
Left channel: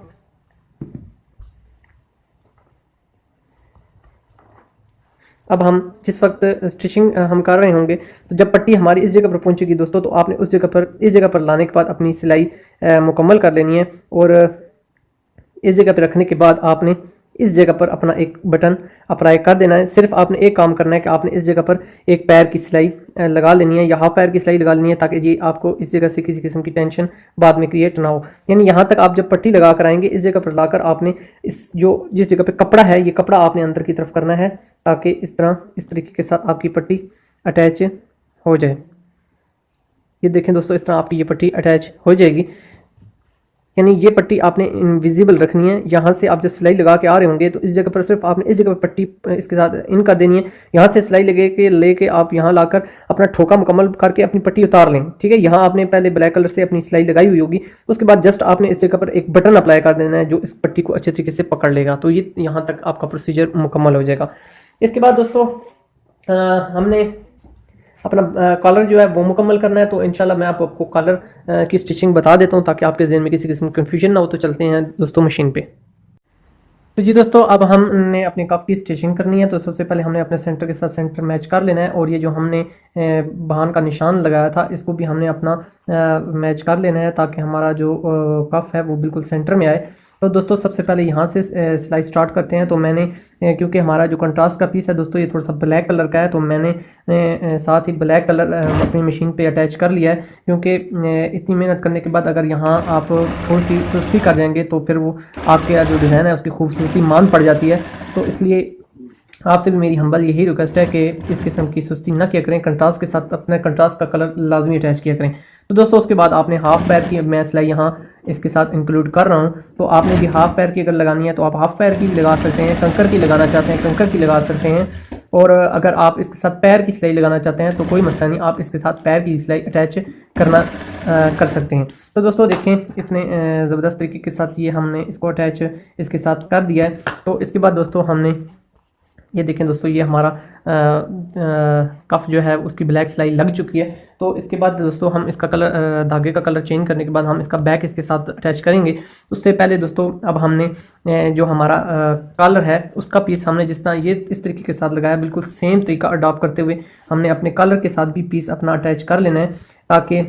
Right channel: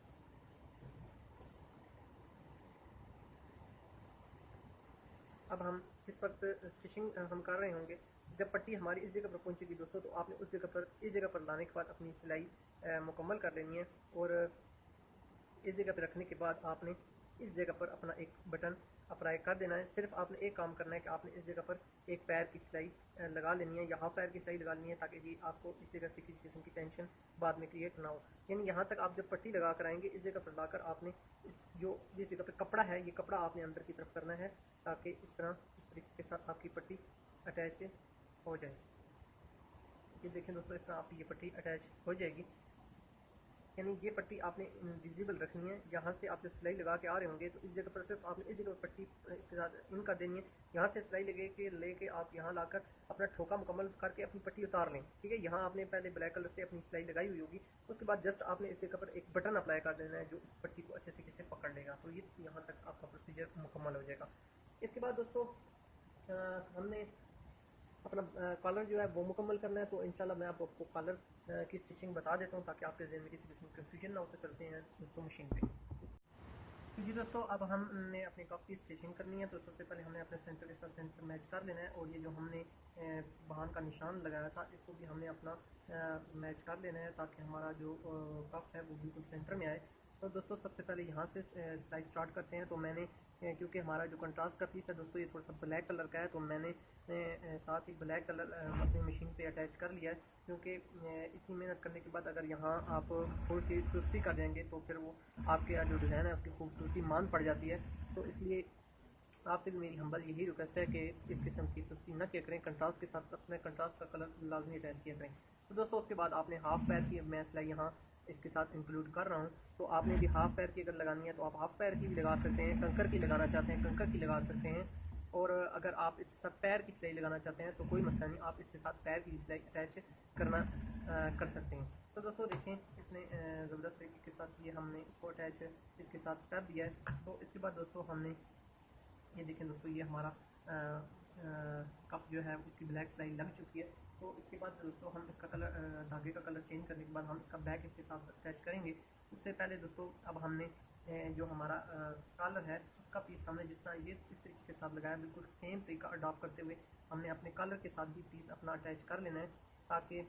अब हम जिस वक्त स्टिचिंग हम कर रहे होंगे तो जब पट्टी हमारी इस जगह पर पहुंचेगी दोस्तों तो आपने उस जगह पर इस जगह पर लाने के बाद अपनी सिलाई मुकम्मल कर लेनी है। और इस जगह पर रखने के बाद आपने इस जगह पर अपना एक बटन अप्लाई कर देना है। सिर्फ आपने एक काम करना है कि आपने इस जगह पर एक पैर की सिलाई लगा लेनी है या हाफ पैर की सिलाई लगा लेनी है ताकि जी आपको इस जगह से किसी किस्म की टेंशन बाद में क्रिएट ना हो। यानी यहाँ तक आप जब पट्टी लगा कर आएंगे इस जगह पर लाकर आपने जिस जगह पर कपड़ा है ये कपड़ा आपने अंदर की तरफ करना है ताकि इस तरीके के साथ आपकी पट्टी अटैच हो जाए। ये देखें दोस्तों इस तरह आपकी ये पट्टी अटैच हो जाएगी। यानी ये पट्टी आपने इनविजिबल रखनी है। यहाँ से आप जब सिलाई लगा के आ रहे होंगे तो इस जगह पर सिर्फ आपने इस जगह पर पट्टी इसके साथ इन कर देनी है। यहाँ से सिलाई लेके आप यहाँ लाकर अपना ठोका मुकम्मल करके अपनी पट्टी उतार लें। ठीक है, यहाँ आपने पहले ब्लैक कलर से अपनी सिलाई लगाई हुई होगी, उसके बाद जस्ट आपने इस जगह पर एक बटन अप्लाई कर देना है जो इस पट्टी को अच्छे तरीके से पकड़ लेगा। तो ये यहाँ तक आपका प्रोसीजर मुकम्मल हो जाएगा। इसके बाद दोस्तों हमने अपना कॉलर जो है वो मुकम्मल करना है। तो इंशाल्लाह मैं आपको कॉलर की स्टिचिंग बता देता हूँ ताकि आपके जहन में किसी किस्म की कन्फ्यूजन ना हो। तो चलते हैं दोस्तों मशीन पे। तो जी दोस्तों, अब हमने अपनी कप की स्टिचिंग करनी है। तो सबसे पहले हमने अपने सेंटर के साथ सेंटर मैच कर लेना है, और ये जो हमने बहान का निशान लगाया था इसको भी हमने अपना मैच कर लेना है ताकि हमारा जो कफ है वो बिल्कुल सेंटर में आए। तो दोस्तों सबसे पहले यहाँ से सिलाई स्टार्ट करते हैं। तो मैंने क्योंकि हमारा जो कंट्रास्ट का पीस है दोस्तों ये थोड़ा सा ब्लैक कलर का है, तो मैंने साथ ही ब्लैक कलर अपनी मशीन पे अटैच कर लिया है। क्योंकि इतनी मेहनत करने के बाद अगर यहाँ आप थोड़ी सी सुस्ती कर जाएंगे तो फिर वो आपके जो डिज़ाइन है उसकी खूबसूरती मान पड़ जाती है। तो इसलिए आपसे भी मेरी हम्बल यही रिक्वेस्ट है कि इस किस्म की सुस्ती ना किया करें, कंट्रास्ट के साथ अपने कंट्रास्ट का कलर लाजमी अटैच किया करें। तो दोस्तों उसके बाद आपने हाफ पैर की मैं सिलाई यहाँ इसके साथ इंक्लूड कर रहा हूँ। तो आपने भी हाफ पैर की अगर लगानी है तो आप हाफ पैर की भी लगा सकते हैं, कंकर की लगाना चाहते हैं कंकर की लगा सकते हैं, और अगर आप इसके साथ पैर की सिलाई लगाना चाहते हैं तो कोई मसला नहीं, आप इसके साथ पैर की सिलाई अटैच कर सकते हैं। तो दोस्तों देखें इतने ज़बरदस्त तरीके के साथ ये हमने इसको अटैच इसके साथ कर दिया है। तो इसके बाद दोस्तों हमने ये देखें दोस्तों ये हमारा कफ जो है उसकी ब्लैक सिलाई लग चुकी है। तो इसके बाद दोस्तों हम इसका कलर धागे का कलर चेंज करने के बाद हम इसका बैक इसके साथ अटैच करेंगे। उससे पहले दोस्तों अब हमने जो हमारा कॉलर है उसका पीस हमने जिस तरह ये इस तरीके के साथ लगाया बिल्कुल सेम तरीका अडॉप्ट करते हुए हमने अपने कॉलर के साथ भी पीस अपना अटैच कर लेना है ताकि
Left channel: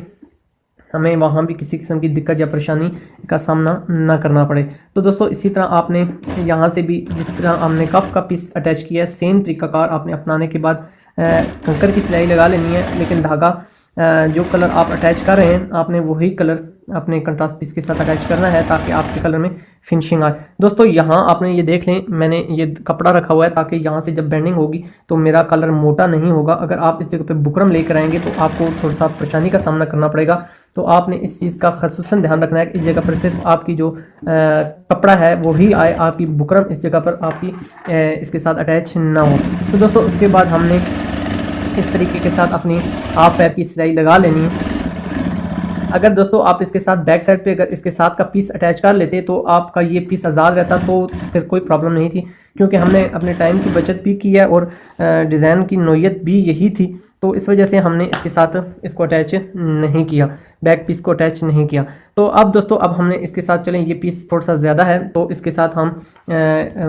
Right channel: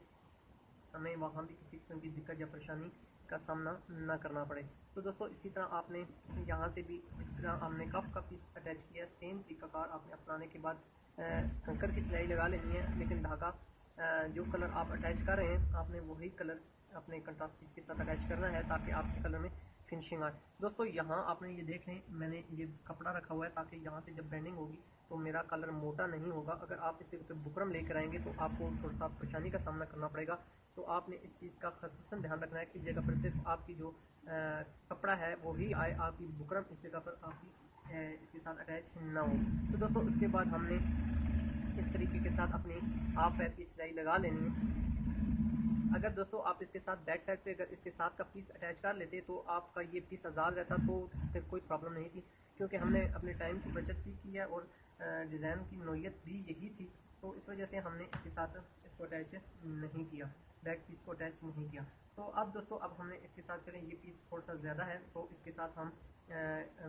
हमें वहाँ भी किसी किस्म की दिक्कत या परेशानी का सामना ना करना पड़े। तो दोस्तों इसी तरह आपने यहाँ से भी जिस तरह हमने कफ का पीस अटैच किया है सेम तरीकाकार आपने अपनाने के बाद कंकर की सिलाई लगा लेनी है। लेकिन धागा जो कलर आप अटैच कर रहे हैं आपने वही कलर अपने कंट्रास्ट पीस के साथ अटैच करना है ताकि आपके कलर में फिनिशिंग आए। दोस्तों यहाँ आपने ये देख लें मैंने ये कपड़ा रखा हुआ है ताकि यहाँ से जब बेंडिंग होगी तो मेरा कलर मोटा नहीं होगा। अगर आप इस जगह पे बुकरम लेकर आएंगे तो आपको थोड़ा सा परेशानी का सामना करना पड़ेगा। तो आपने इस चीज़ का खसूसन ध्यान रखना है कि इस जगह पर सिर्फ आपकी जो कपड़ा है वही आए, आपकी बुकरम इस जगह पर आपकी इसके साथ अटैच ना हो। तो दोस्तों उसके बाद हमने इस तरीके के साथ अपनी हाफ पैर की सिलाई लगा लेनी है। अगर दोस्तों आप इसके साथ बैक साइड पे अगर इसके साथ का पीस अटैच कर लेते तो आपका ये पीस आज़ाद रहता तो फिर कोई प्रॉब्लम नहीं थी, क्योंकि हमने अपने टाइम की बचत भी की है और डिज़ाइन की नोयत भी यही थी। तो इस वजह से हमने इसके साथ इसको अटैच नहीं किया, बैक पीस को अटैच नहीं किया। तो अब दोस्तों अब हमने इसके साथ चलें ये पीस थोड़ा सा ज़्यादा है तो इसके साथ हम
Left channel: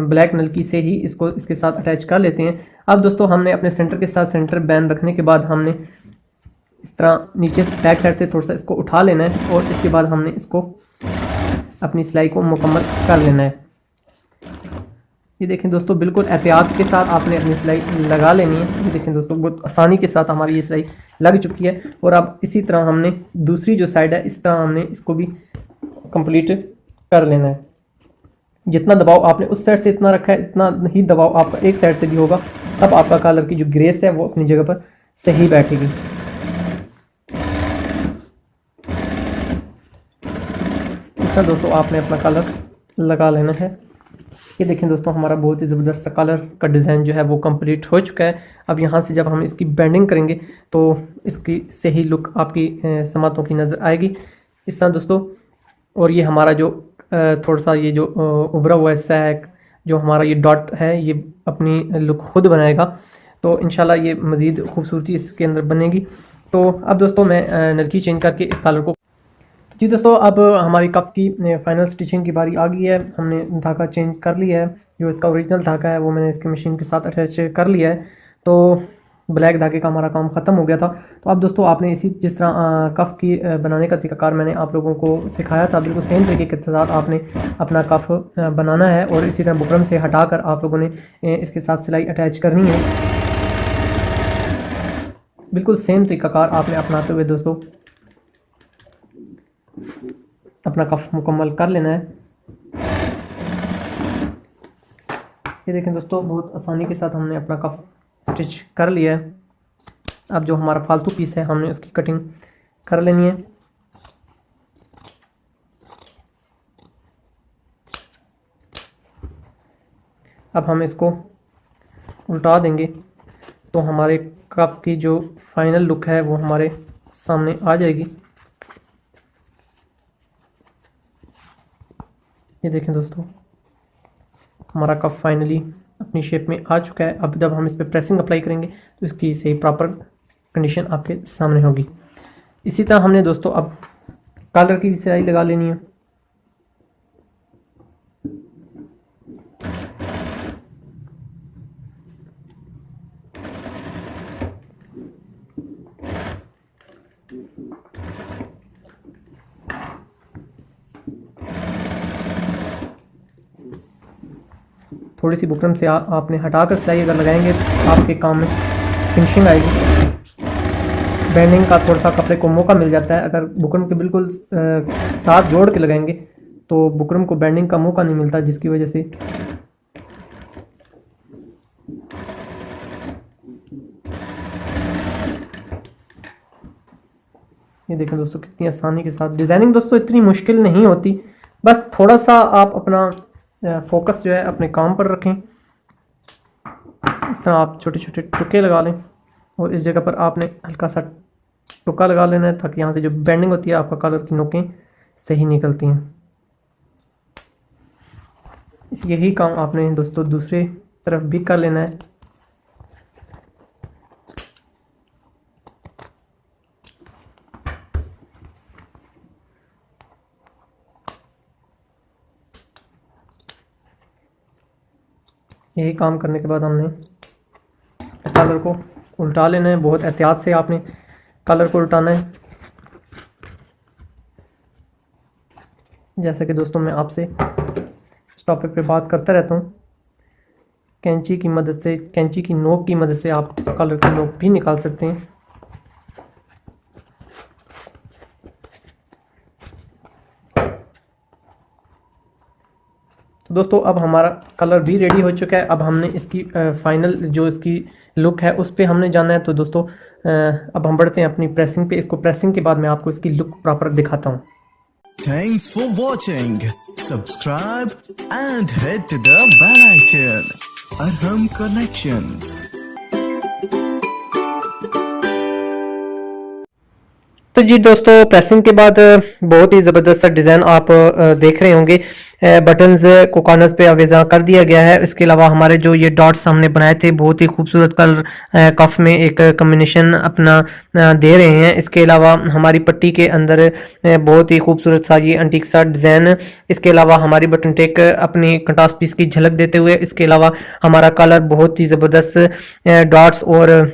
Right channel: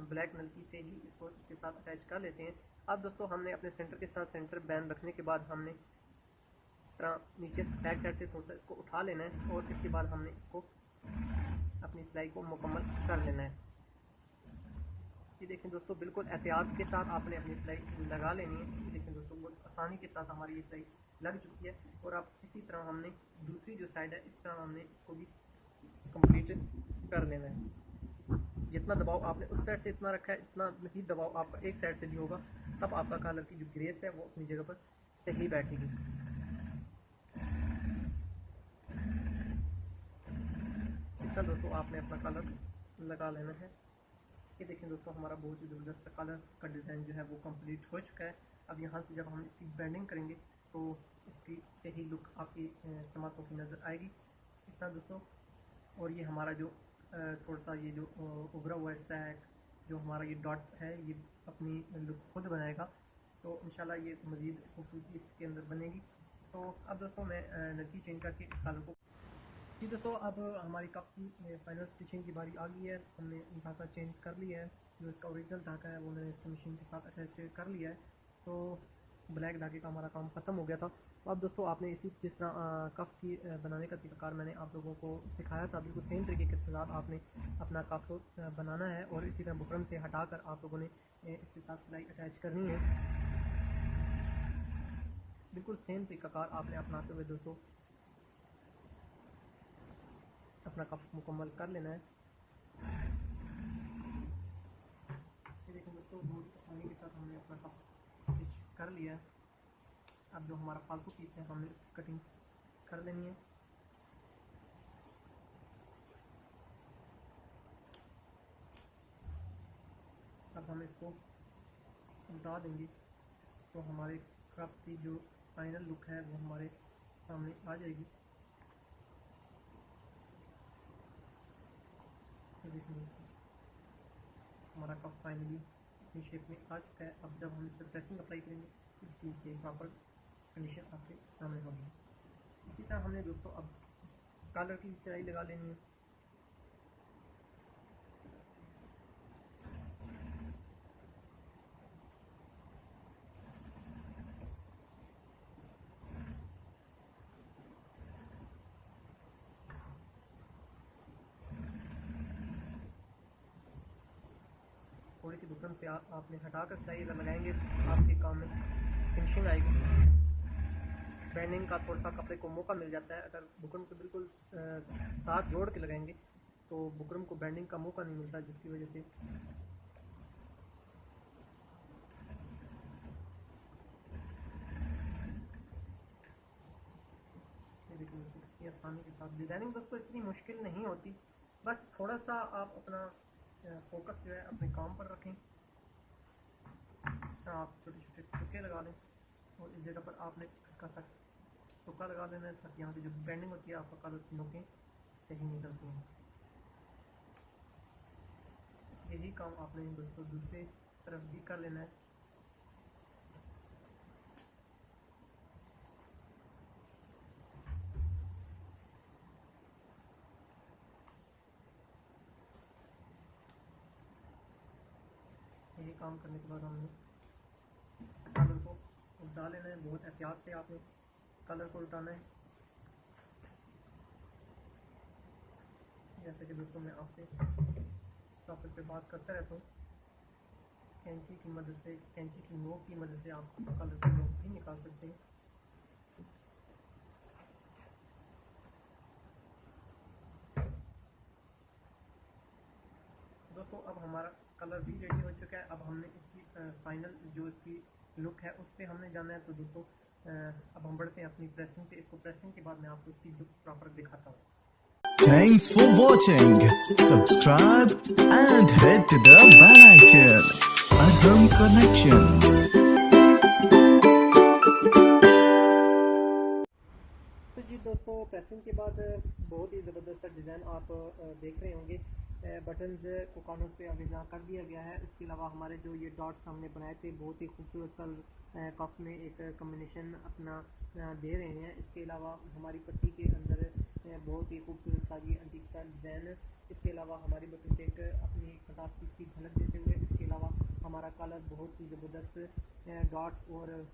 ब्लैक नलकी से ही इसको इसके साथ अटैच कर लेते हैं। अब दोस्तों हमने अपने सेंटर के साथ सेंटर बैन रखने के बाद हमने इस तरह नीचे बैक साइड से थोड़ा सा इसको उठा लेना है और इसके बाद हमने इसको अपनी सिलाई को मुकम्मल कर लेना है। ये देखें दोस्तों बिल्कुल एहतियात के साथ आपने अपनी सिलाई लगा लेनी है। ये देखें दोस्तों बहुत आसानी के साथ हमारी ये सिलाई लग चुकी है। और अब इसी तरह हमने दूसरी जो साइड है इस तरह हमने इसको भी कंप्लीट कर लेना है। जितना दबाव आपने उस साइड से इतना रखा है इतना ही दबाव आपका एक साइड से भी होगा, तब आपका कलर की जो ग्रेस है वो अपनी जगह पर सही बैठेगी। इतना दोस्तों आपने अपना कलर लगा लेना है। ये देखें दोस्तों हमारा बहुत ही ज़बरदस्त कलर का डिज़ाइन जो है वो कंप्लीट हो चुका है। अब यहाँ से जब हम इसकी बेंडिंग करेंगे तो इसकी सही लुक आपकी समातों की नज़र आएगी इस तरह दोस्तों। और ये हमारा जो थोड़ा सा ये जो उभरा हुआ हिस्सा है जो हमारा ये डॉट है ये अपनी लुक खुद बनाएगा। तो इंशाल्लाह ये मज़ीद खूबसूरती इसके अंदर बनेगी। तो अब दोस्तों मैं नलकी चेंज करके इस कलर को जी दोस्तों अब हमारी कप की फाइनल स्टिचिंग की बारी आ गई है। हमने धागा चेंज कर लिया है, जो इसका ओरिजिनल धागा है वो मैंने इसकी मशीन के साथ अटैच कर लिया है। तो ब्लैक धागे का हमारा काम ख़त्म हो गया था। तो अब दोस्तों आपने इसी जिस तरह कफ़ की बनाने का तरीकाकार मैंने आप लोगों को सिखाया था बिल्कुल सेम तरीके के साथ आपने अपना कफ़ बनाना है और इसी तरह बुकरम से हटाकर आप लोगों ने इसके साथ सिलाई अटैच करनी है। बिल्कुल सेम तरीकाकार आपने अपनाते हुए दोस्तों अपना कफ मुकम्मल कर लेना है। ये देखें दोस्तों बहुत आसानी के साथ हमने अपना कफ स्टिच कर लिया है। अब जो हमारा फालतू पीस है हमने उसकी कटिंग कर लेनी है। अब हम इसको उल्टा देंगे तो हमारे कप की जो फाइनल लुक है वो हमारे सामने आ जाएगी। ये देखें दोस्तों हमारा कप फाइनली अपनी शेप में आ चुका है। अब जब हम इस पर प्रेसिंग अप्लाई करेंगे तो इसकी सही प्रॉपर कंडीशन आपके सामने होगी। इसी तरह हमने दोस्तों अब कॉलर की भी सिलाई लगा लेनी है। थोड़ी सी बुकरम से आपने हटाकर सिलाई अगर लगाएंगे तो आपके काम में फिनिशिंग आएगी। बैंडिंग का थोड़ा सा कपड़े को मौका मिल जाता है। अगर बुकरम के बिल्कुल साथ जोड़ के लगाएंगे तो बुकरम को बैंडिंग का मौका नहीं मिलता, जिसकी वजह से ये देखें दोस्तों कितनी आसानी के साथ। डिज़ाइनिंग दोस्तों इतनी मुश्किल नहीं होती, बस थोड़ा सा आप अपना फोकस जो है अपने काम पर रखें। इस तरह आप छोटे छोटे टुके लगा लें और इस जगह पर आपने हल्का सा टुका लगा लेना है ताकि यहाँ से जो बेंडिंग होती है आपका कलर की नोकें सही निकलती हैं। यही काम आपने दोस्तों दूसरे तरफ भी कर लेना है। यही काम करने के बाद हमने कलर को उल्टा लेना है। बहुत एहतियात से आपने कलर को उल्टाना है। जैसा कि दोस्तों मैं आपसे इस टॉपिक पे बात करता रहता हूँ, कैंची की मदद से, कैंची की नोक की मदद से आप कलर की नोक भी निकाल सकते हैं। तो दोस्तों अब हमारा कलर भी रेडी हो चुका है। अब हमने इसकी फाइनल जो इसकी लुक है उस पर हमने जाना है। तो दोस्तों अब हम बढ़ते हैं अपनी प्रेसिंग पे। इसको प्रेसिंग के बाद मैं आपको इसकी लुक प्रॉपर दिखाता हूँ। Thanks for watching. Subscribe and hit the bell icon. Arham Collections. तो जी दोस्तों प्रेसिंग के बाद बहुत ही ज़बरदस्त सा डिज़ाइन आप देख रहे होंगे। बटन्स को कॉर्नर्स पे अवेजा कर दिया गया है। इसके अलावा हमारे जो ये डॉट्स हमने बनाए थे बहुत ही खूबसूरत कलर कफ में एक कम्बिनेशन अपना दे रहे हैं। इसके अलावा हमारी पट्टी के अंदर बहुत ही खूबसूरत सा ये एंटीक सा डिज़ाइन। इसके अलावा हमारी बटन टेक अपनी कंट्रास्ट पीस की झलक देते हुए, इसके अलावा हमारा कलर बहुत ही ज़बरदस्त डॉट्स और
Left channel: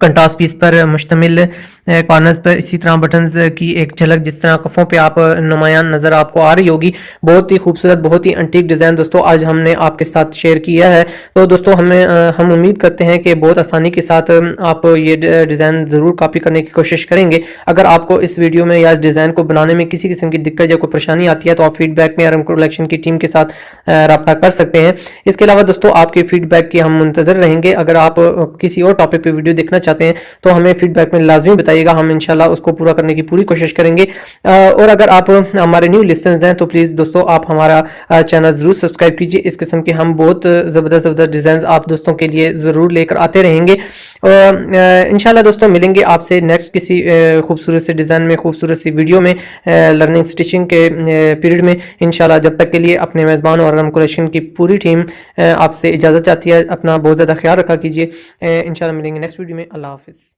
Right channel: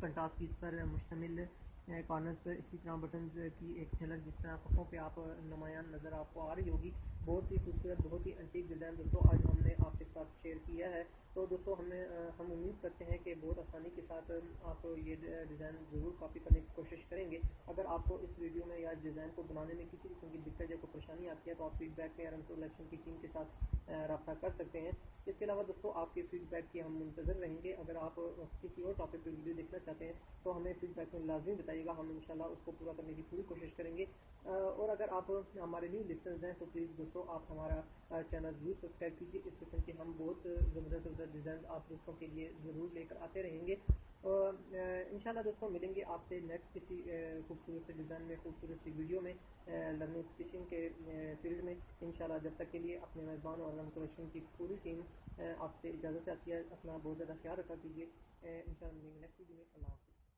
कंट्रास्ट पीस पर मुश्तमिल कॉर्नर्स पर इसी तरह बटन्स की एक झलक जिस तरह कफ़ों पे आप नुमायान नज़र आपको आ रही होगी। बहुत ही खूबसूरत, बहुत ही एंटीक डिज़ाइन दोस्तों आज हमने आपके साथ शेयर किया है। तो दोस्तों हम उम्मीद करते हैं कि बहुत आसानी के साथ आप ये डिज़ाइन ज़रूर कॉपी करने की कोशिश करेंगे। अगर आपको इस वीडियो में या इस डिज़ाइन को बनाने में किसी किस्म की दिक्कत या कोई परेशानी आती है तो आप फीडबैक में अरहम कलेक्शन की टीम के साथ रब्ता कर सकते हैं। इसके अलावा दोस्तों आपके फीडबैक की हम मुंतज़र रहेंगे। अगर आप किसी और टॉपिक पर वीडियो देखना चाहते हैं तो हमें फीडबैक में लाजमी बताइएगा, हम इंशाल्लाह उसको पूरा करने की पूरी कोशिश करेंगे। और अगर आप हमारे न्यू लिसनर्स हैं तो प्लीज़ दोस्तों आप हमारा चैनल ज़रूर सब्सक्राइब कीजिए। इस किस्म के हम बहुत ज़बरदस्त डिज़ाइन आप दोस्तों के लिए ज़रूर लेकर आते रहेंगे। इंशाल्लाह दोस्तों मिलेंगे आपसे नेक्स्ट किसी खूबसूरत से डिज़ाइन में, खूबसूरत सी वीडियो में, लर्निंग स्टिचिंग के पीरियड में इंशाल्लाह। जब तक के लिए अपने मेज़बान और अरहम कलेक्शन की पूरी टीम आपसे इजाज़त चाहती है। अपना बहुत ज़्यादा ख्याल रखा कीजिए। इंशाल्लाह मिलेंगे नेक्स्ट वीडियो में। अल्लाह हाफ़िज़।